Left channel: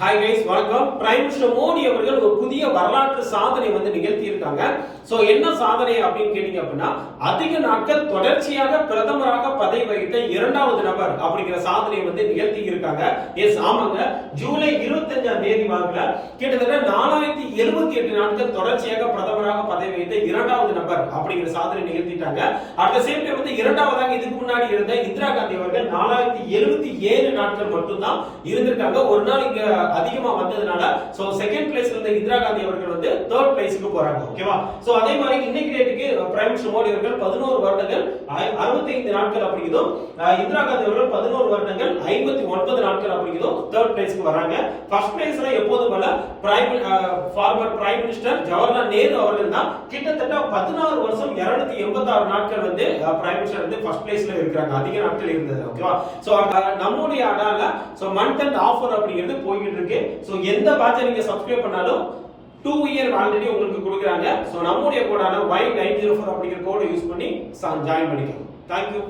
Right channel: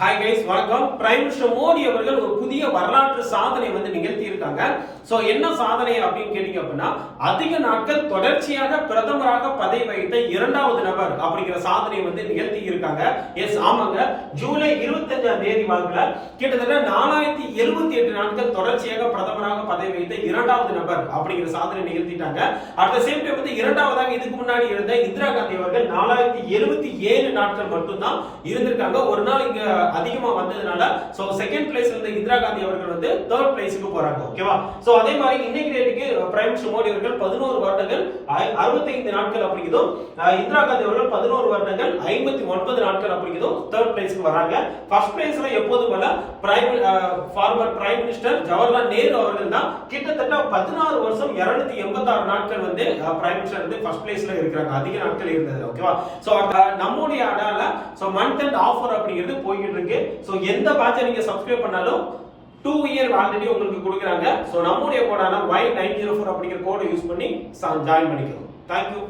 Hi guys, வணக்கம். Prime minister Modi அவர்கள் ஒரு புதிய வரலாற்று சாதனை நிகழ்த்தி இருக்காங்க. சோ என்ன சாதனை அப்படின்னு கேட்டீங்க அப்படின்னா, அதிக நாட்கள் தொடர்ச்சியாக பிரதமராக பதவி வகித்த இரண்டாவது நபர் அப்படிங்கிற சாதனை நிகழ்த்தி இருக்காங்க. எஸ், ஆமாங்க. ஜூலை 25ஆம் தேதி வாக்குல கிட்டத்தட்ட 4078 நாட்கள் தொடர்ச்சியாக பிரதமராக பதவி வகித்த இரண்டாவது நபர் அப்படிங்கிற சாதனை நிகழ்த்திட்டாங்க. அட் த சேம் டைம் இரண்டாவதாக இதுக்கு முன்னாடி இருந்த இந்திரா காந்தி அவர்கள் 4077 நாட்கள் மட்டும்தான் இருந்திருக்காங்க. ஒரு நாள் இங்க அதிகமா வந்ததுனால சோ செகண்ட் பிளேஸ்ல இருந்த இந்திரா காந்தி அவர்கள் தேர்ட் பிளேஸ்க்கு போறாங்க. ஓகேவா? சோ அதே மாதிரி இன்னைக்கு டேட்டுக்கு பிரைம் மினிஸ்டர் மோடி அவர்கள் 11 வருடங்கள் 65 நாட்கள் அப்படிங்கிறதும், இந்திரா காந்தி அவர்கள் 11 வருடங்கள் 59 நாட்கள் அப்படிங்கிறதும் தேர்ட் பிளேஸ்க்கு வராங்க. ஃபர்ஸ்ட் பிளேஸ்ல எப்போதும் போல former prime minister Jawaharlal Nehru அவர்கள் தான் கிட்டத்தட்ட 16 வருஷம் 286 நாட்கள் பிரைம் மினிஸ்டர் ஃபர்ஸ்ட் பிளேஸ்ல இருக்காங்க. அதிக நாட்கள் இருந்தது. ஓகேவா? சோ நம்முடைய அடால சோ மந்த் அண்ட் ஆஃபர் அப்படிங்கிறது போயிட்டு இருக்கு. சோ எந்த பேட்சை நீங்க சப்ஸ்கிரைப் பண்ணாலும் 2 இயர் ஆல்ரெடி உங்களுக்கு கொடுக்குறாங்க. சோ நம்முடைய கோடான Y904 அப்படிங்கிற கோடை யூஸ் பண்ணி ஜாயின் பண்ணிக்கணும். தேங்க்யூ.